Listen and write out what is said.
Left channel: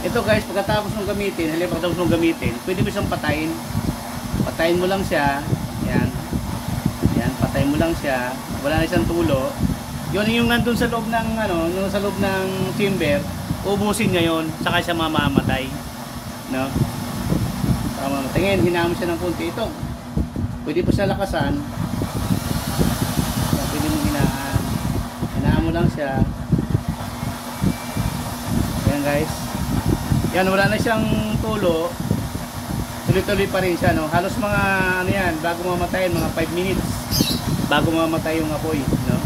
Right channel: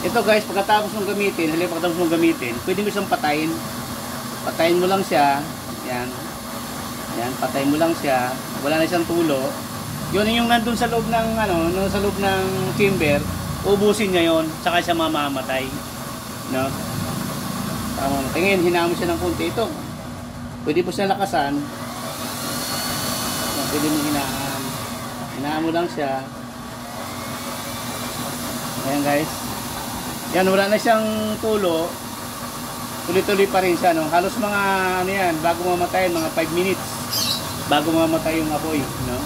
Ito guys, pagkatapos mong gamitin, pagkatapos mong gamitin, pwede mo siyang patayin. Patayin mo lang siya. Yan. Yan, patayin mo lang siya. Wala na siyang tulo. Yun yung nandun sa loob ng sa loob ng chamber, ubusin niya yon, saka siya mamamatay. No? Saka mamamatay. Ngayon, hinaan mo siya ng konti. Ito, pwede po siya lakasan. No, pwede mo hinaan. Hinaan mo lang siya. Ayan guys. Yan, wala na siyang tulo. Tuloy-tuloy pa rin siya, no? Halos mga, bago mamatay, mga 5 minutes. Bago mamatay yung apoy, no?